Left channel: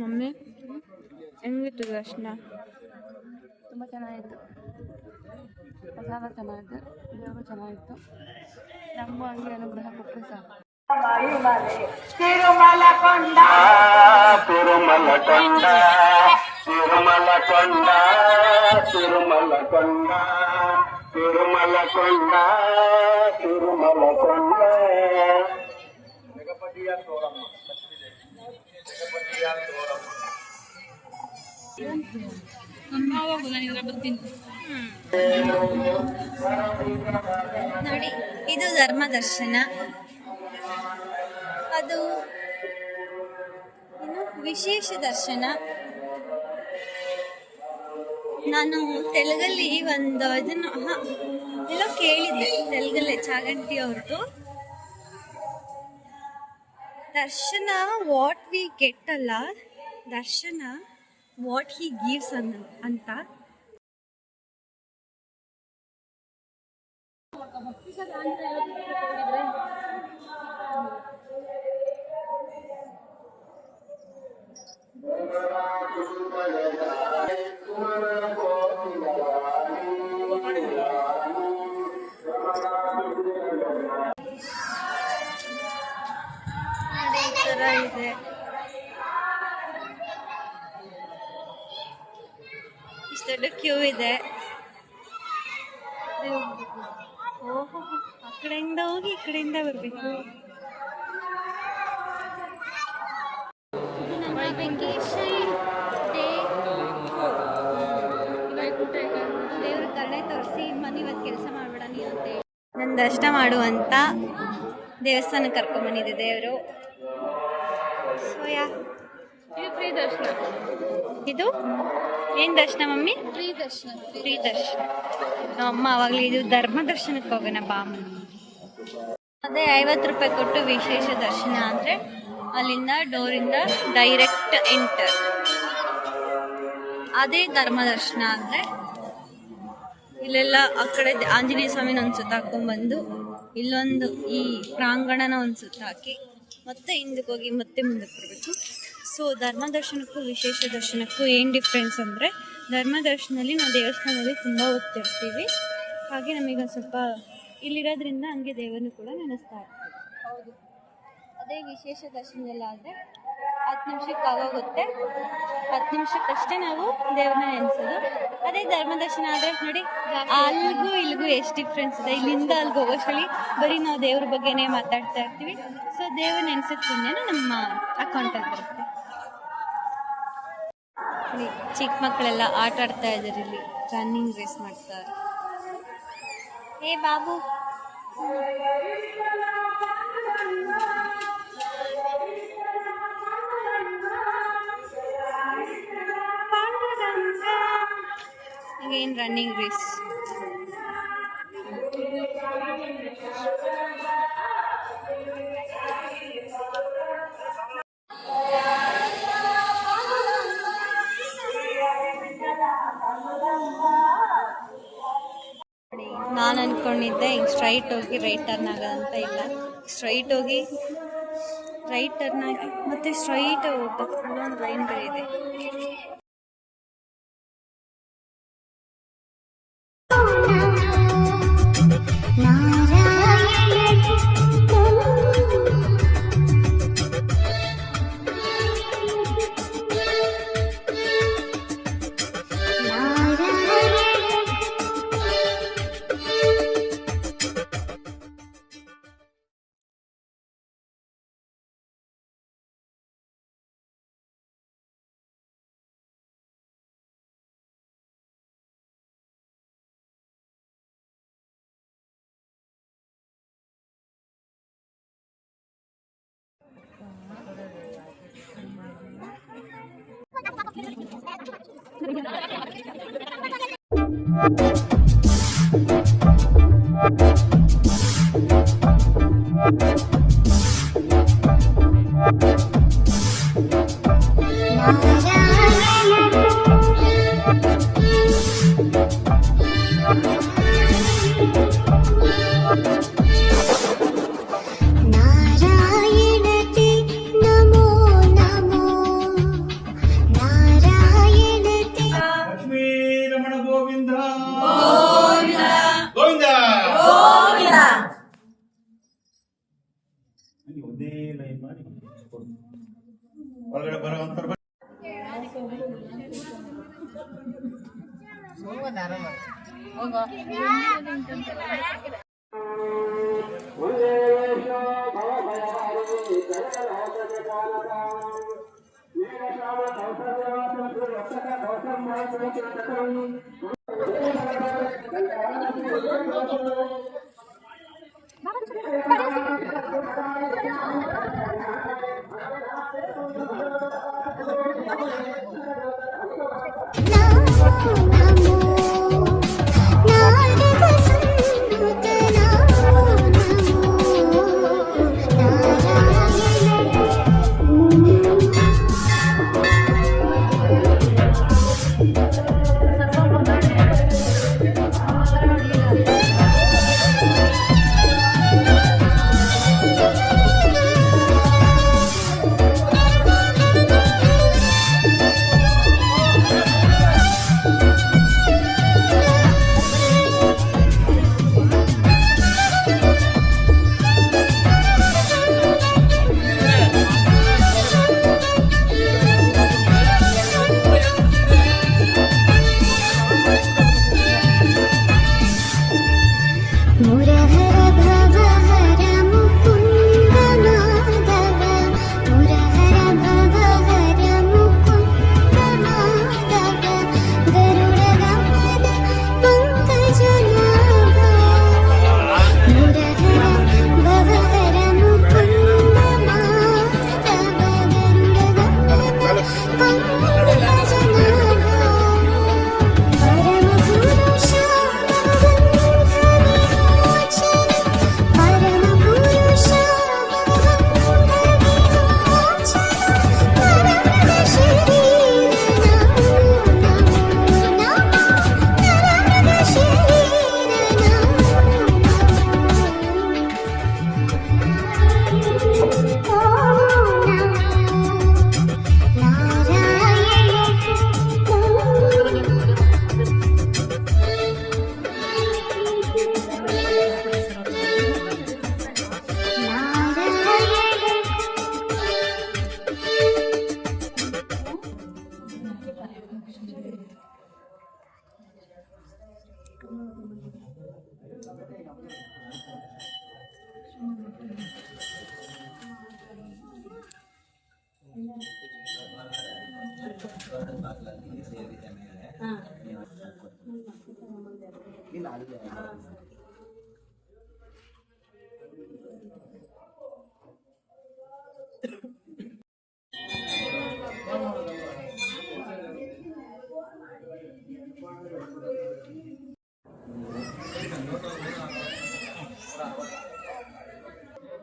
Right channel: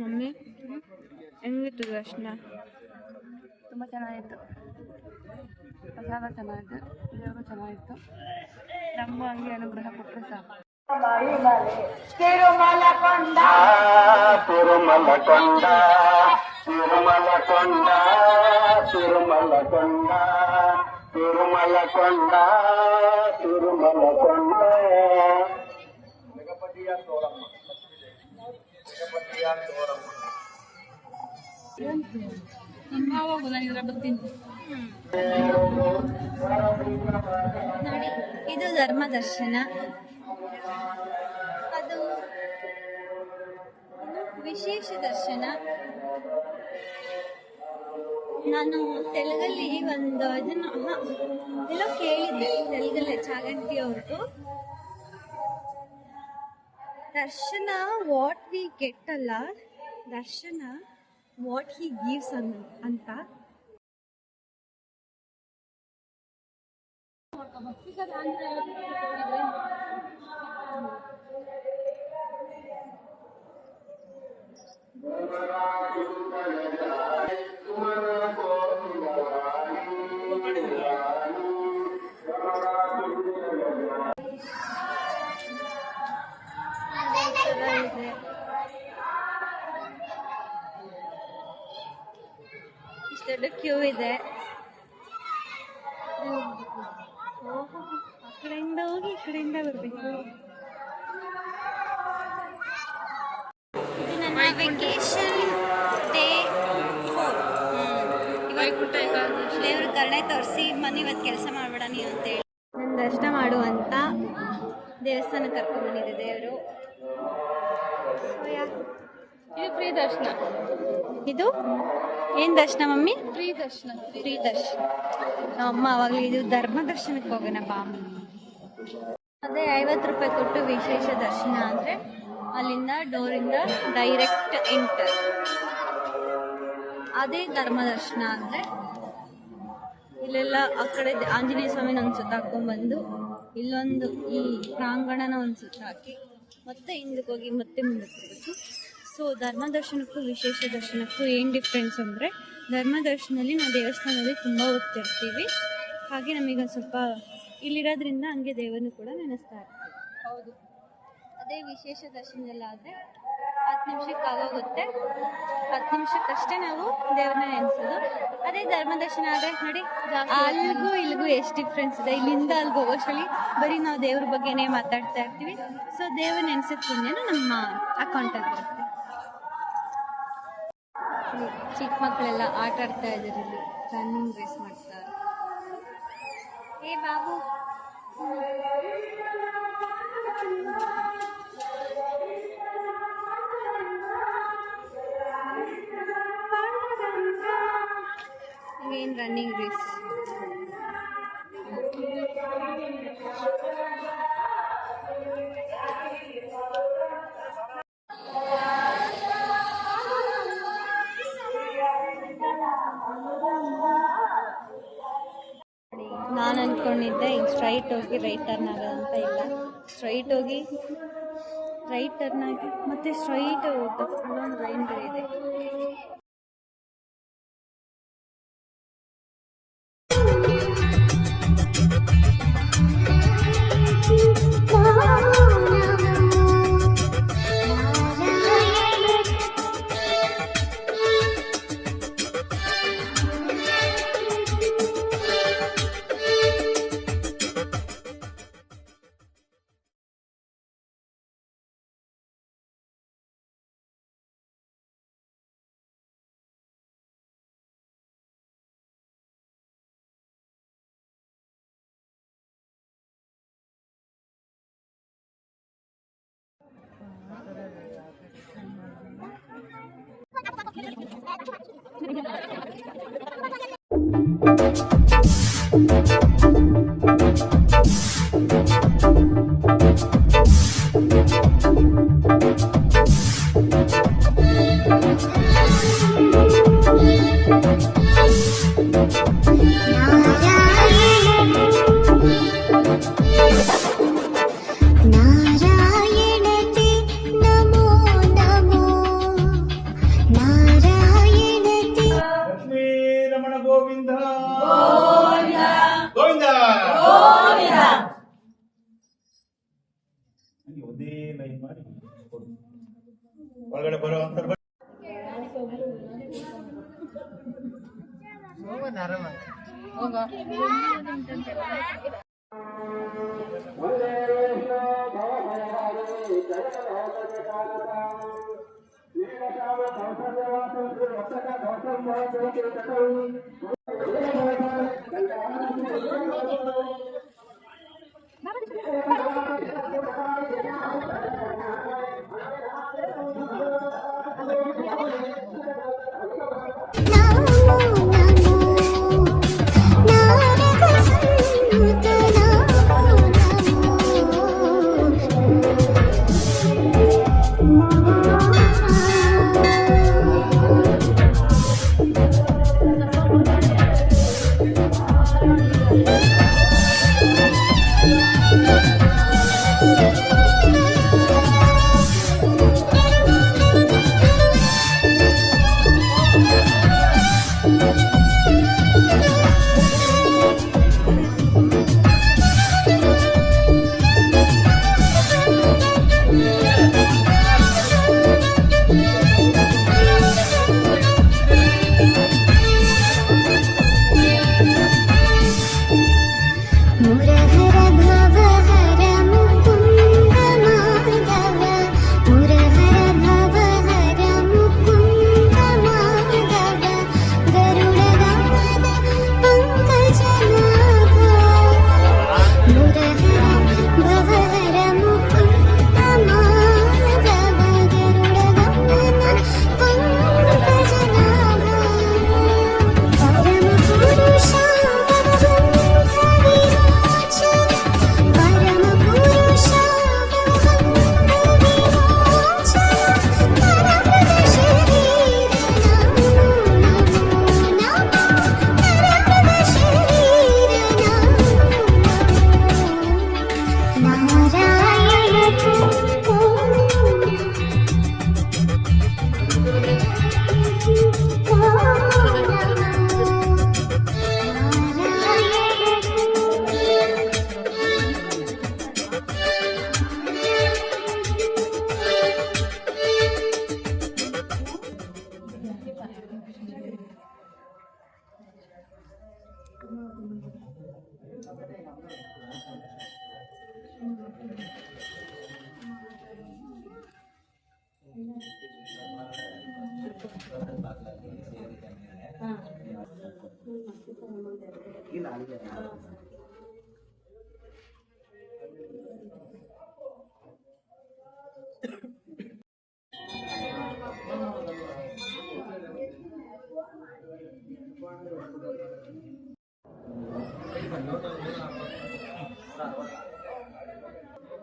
Mummy ಹೆಂಗಿತ್ತು ದರ್ಶನ? ತುಂಬ ಚೆನ್ನಾಗಿತ್ತು. ಪ್ರಸಾದ ಚೆನ್ನಾಗಿತ್ತು, ದೇವರು ಚೆನ್ನಾಗಿತ್ತು. ನಮಗೂ ಹಂಗೆ ಅನುಗ್ರಹ ಕೊಟ್ಟರೆ ಸಾಕು. ತಿರುಮಲಕೊಂಡ ತಿರುಮಲಕೊಂಡ ತಿರುಮಲಕೊಂಡ ತಿರುಮಲಕೊಂಡ ತಿರುಮಲಕೊಂಡ ತಿರುಮಲಕೊಂಡ ನೋಡಿ, ಇದು ಧರ್ಮ ದರ್ಶನ. ಅದು ವಿಶೇಷ ದರ್ಶನ. ನಾನು ತೆಲುಗಲ್ಲಿ ಒಂದು ಇದನ್ನು ಎಲ್ಲೋ ಕೇಳಿದ್ದೆ, ತೆಲುಗಲ್ಲೇ ಚಾಗಂಟಿ ಅವ್ರದ್ದು ದರ್ಶನ. ವಾಟ್ ವಿ ಗೆಟ್ ಅಲ್ಲ, ದರ್ಶನ ವಾಟ್ ಹಿ ಗಿವ್ಸ್ ಅಂತ. ಇದೆ ಇಷ್ಟೊಂದು ಕ್ಯೂ ಇದೆ. ಆ ಕಡೆಯಿಂದ ಹೋಗಿ ಈ ಕಡೆಯಿಂದ ಬರಬೇಕು. ಇದು ನನ್ನ ವೆಕೇಶನ್ ಡೇ 4. ದೇವ್ರ ಕರುಣೆ ತೋರಿಸಿ ಮನೆ ಇವತ್ತು ಕೆಲಸ ಮಾಡಬೇಡ ನೀವು ಅಂತೇಳಿ ನನ್ನ ದರ್ಶನ ಮಾಡುವಂತ ದೇವಸ್ಥಾನಕ್ಕೆ ಕರ್ಕೊಂಡ್ಬಂದಿದೆ ದೇವರು. ಇದು ಫ್ರೀ ದರ್ಶನ. ಇದು ಏನು ದರ್ಶನ ಮಮ್ಮಿ? ಫ್ರೀ ದರ್ಶನ. ಫ್ರೀ ದರ್ಶನ. ನಮ್ಮಮ್ಮ ಅವಾಗಲೇ ಇದು ಧರ್ಮ ದರ್ಶನಕ್ಕೆ ಹೋಗೋಣ ಬಾಮ. ಅದೇ 50 ರೂಪಾಯಿ ಕೊಟ್ಟು ವಿಶೇಷ ದರ್ಶನ ಅಂದರೆ ಅಲ್ಲಿಂದ ಡೋರಿಂದ ಡೈರೆಕ್ಟ್ ಎಂಟರ್. ಅದೇ ಧರ್ಮ ದರ್ಶನ ಅಂದರೆ ಇಲ್ಲೆಲ್ಲ ಆ ಕಡೆ ಆಂಜನೇಯ ಸ್ವಾಮಿನ ಒಂದು ಸುತ್ತ ಹಾಕ್ಕೊಂಡ್ಬಂದು ಇಲ್ಲೊಂದು ಈ ಪ್ರಾಂಗಣನ ಒಂದು ಸುತ್ತ ಹಾಕಿ ಮತ್ತೆ ಹಿಂದಕ್ಕೆ ಹೋಗಿ ಮತ್ತೆ ಮುಂದಕ್ಕೆ ಬರಬೇಕು. ಸೊ ಧರ್ಮ ದರ್ಶನಕ್ಕೂ ವಿಶೇಷ ದರ್ಶನಕ್ಕೂ ಏನು ಡಿಫ್ರೆನ್ಸ್ ಅಂದರೆ, ಧರ್ಮ ದರ್ಶನದಲ್ಲಿ ನಾವು ದೇವಸ್ಥಾನದಲ್ಲಿ ತುಂಬ ಹೊತ್ತಿರ್ತೀವಿ, ಹಾಗೆ ನಮಗೆ ಒಂದು ಸ್ವಲ್ಪ ಇಲ್ಲಿರೋದ್ರಿಂದ ಹಂಗೆ ದೇವರನ್ನು ಕೂಡ ನೆನೆಸ್ತಾ ಇರ್ತೀವಿ. ಹೌದು. ಅದೇ ವಿಶೇಷ ದರ್ಶನದಲ್ಲಾದರೆ 10 ನಿಮಿಷಕ್ಕೆ ಆಗೋಗುತ್ತೆ, 10 ನಿಮಿಷಕ್ಕಷ್ಟೇ ನಾವು ದೇವ್ರನ್ನ ನೆನೆಸೋದು. ಅದೇ ಧರ್ಮ ದರ್ಶನ ಆದರೆ ನೋಡಿ ಅಲ್ಲಿಗೂ ಇಲ್ಲಿಗೂ ಎಷ್ಟು ಡಿಫ್ರೆನ್ಸ್ ಇದೆ. ಇಲ್ಲಿಂದ ಅಲ್ಲಿಗೆ ಹೋಗೋಷ್ಟರಲ್ಲಿ ಬರೀ ನಾವು ದೇವ್ರ ಬಗ್ಗೆನೇ ಮಾತಾಡ್ತಾ ಇರ್ತೀವಿ. ಸೊ ದೇವ್ರ ನೆನೆಸಿದ ಪುಣ್ಯನೂ ನಮ್ಮ ಅಕೌಂಟಲ್ಲಿ ಬರುತ್ತೆ. ಇಲ್ಲಿ ಚಿಕ್ಕ ಮಕ್ಕಳೆಲ್ಲ ಆಟ ಆಡ್ತಾ ಇದ್ದಾರೆ, ಇಲ್ಲಿ ರನ್ನಿಂಗ್ ರೇಸ್ ಮಾಡ್ತಾರೆ. ಏ ಬಾಬು, again running race. ನಾನು ಅಂದ್ಕೊಂಡಿದ್ದೆ ಹಿಂಗೆ ಸ್ಟ್ರೈಟ್ ಹೋಗಿ ರೈಟ್ ಟರ್ನ್ ಆಗೋದಂತ, ಇಲ್ಲ ಸ್ಟ್ರೈಟ್ ಹೋಗಿ ರೈಟ್ ಟರ್ನ್ ಆಗಿ ಮತ್ತೆ ಸ್ಟ್ರೈಟ್ ಹೋಗ್ಬೇಕು. ಅಲ್ಲೊಂದು ಲೈನ್ ಬೇರೆ ಇದೆ. ಗೋವಿಂದ ಗೋವಿಂದ ಒಂದೇ ಲೈನ್ ಮಾಡಿ ಒಳಗಡೆ ಬರೋ ಅಂತ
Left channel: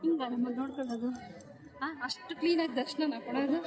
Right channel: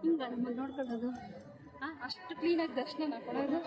ಹಿಂಗ ನಮ್ಮ ನೋಡ್ಕೊಳ್ಳೋದು ಅಷ್ಟು ಕ್ಲೀನಾಗಿ ದರ್ಶನ ಕೊಡೋದು.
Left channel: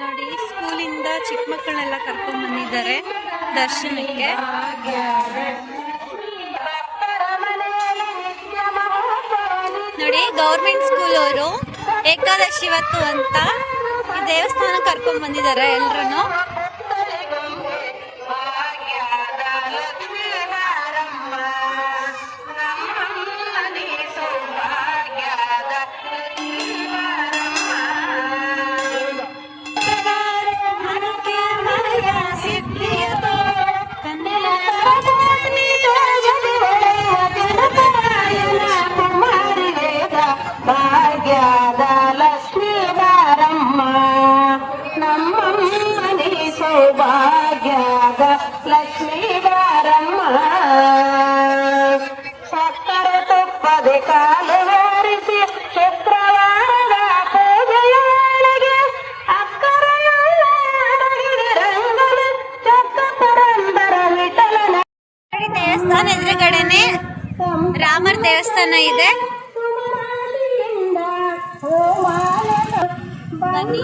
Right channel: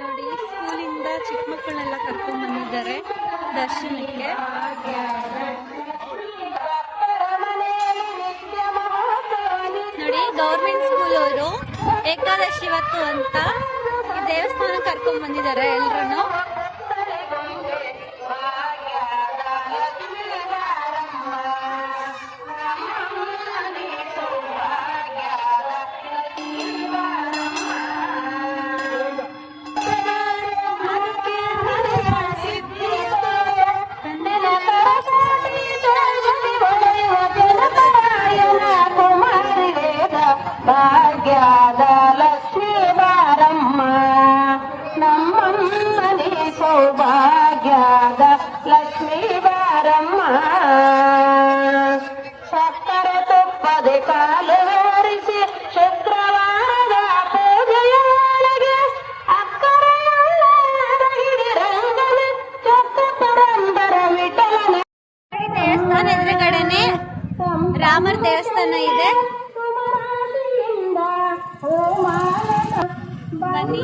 ನೋಡಿ, ಸ್ಕೂಲಿಂದ ಚಿಕ್ಕ ಮಕ್ಕಳನ್ನೆಲ್ಲ ಕರ್ಕೊಂಡ್ ಬಂದಿದ್ದಾರೆ ದರ್ಶನಕ್ಕೆ. ನೋಡಿ, ಗೌರ್ಮೆಂಟ್ ಸ್ಕೂಲ್ ಅವರು ಏಕಾದಶಿ ಇವತ್ತು ಅಂತ ಈ ದೇವಸ್ಥಾನ ಕರ್ಕೊಂಡ್ ಬಂದಿದ್ದಾರೆ ಎಲ್ರು. ಭಾಗ್ಯದ ಲಕ್ಷ್ಮೀ ಬಾರಮ್ಮ ನಮ್ಮಮ್ಮನಿ ಸೌಭಾಗ್ಯದ ಲಕ್ಷ್ಮೀ ಬಾರಮ್ಮ. ಸಕ್ಕರೆ ತುಪ್ಪದೆ ಕಾಲು ಹಾರಿಸಿ ಶುಕ್ರವಾರದ ಪೂಜೆಯೊಳಗೆ ಅಕ್ಕರೆಯೊಳಗಿರಂಗಲೆ ಚೊಕ್ಕ ಪುರಂದರ ವಿಠಲನ ದೇವಸ್ಥಾನ ಎದುರುಗಡೆನೆ ರಾಮರ ದೇವಸ್ಥಾನ ಇದೆ. ಬನ್ನಿ.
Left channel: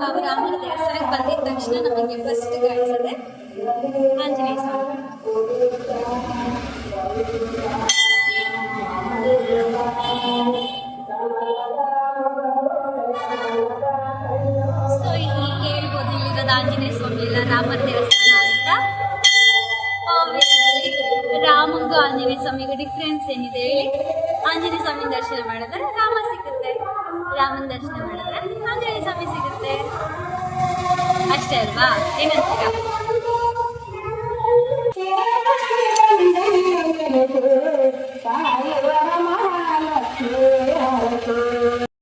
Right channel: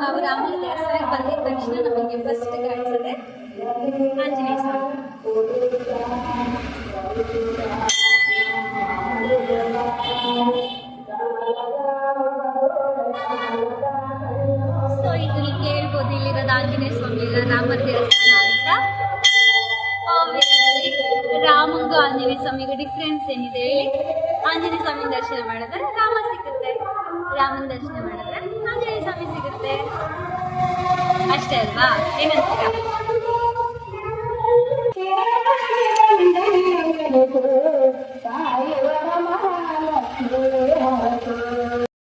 ನಾವು ರಾಮನ ದೇವಸ್ಥಾನಕ್ಕೆ ಬಂದಿದ ತಕ್ಷಣ ನಮಗೆ ಫಸ್ಟ್ ಕಾಣಿಸದೆ ಆಂಜನೇಯ ಸ್ವಾಮಿ. ಸೊ ಇಲ್ಲಿ ಹೇಳ್ಬೋದು, ಇಲ್ಲಿರೋದು ಆಂಜನೇಯ ಸ್ವಾಮಿ ಇಲ್ಲ ರಾಮನ ದೇವಸ್ಥಾನ ಅಂತ. ರಾಮಂಗೂ ಆಂಜನೇಯ ಸ್ವಾಮಿಗೆ ಡಿಫ್ರೆನ್ಸ್ ಏನಿದೆ ಹೇಳಿ? ಆಂಜನೇಯ ಸ್ವಾಮಿ ದರ್ಶನ ಮಾಡಿದ್ರೆ ರಾಮ ಸಿಗುತ್ತೆ, ರಾಮನ ದರ್ಶನ ಮಾಡಿದ್ರೆ ಆಂಜನೇಯ ಸ್ವಾಮಿ ಸಿಗುತ್ತೆ, ಅಷ್ಟೇ ಅಲ್ವಾ? ಏನಂತೀರಾ?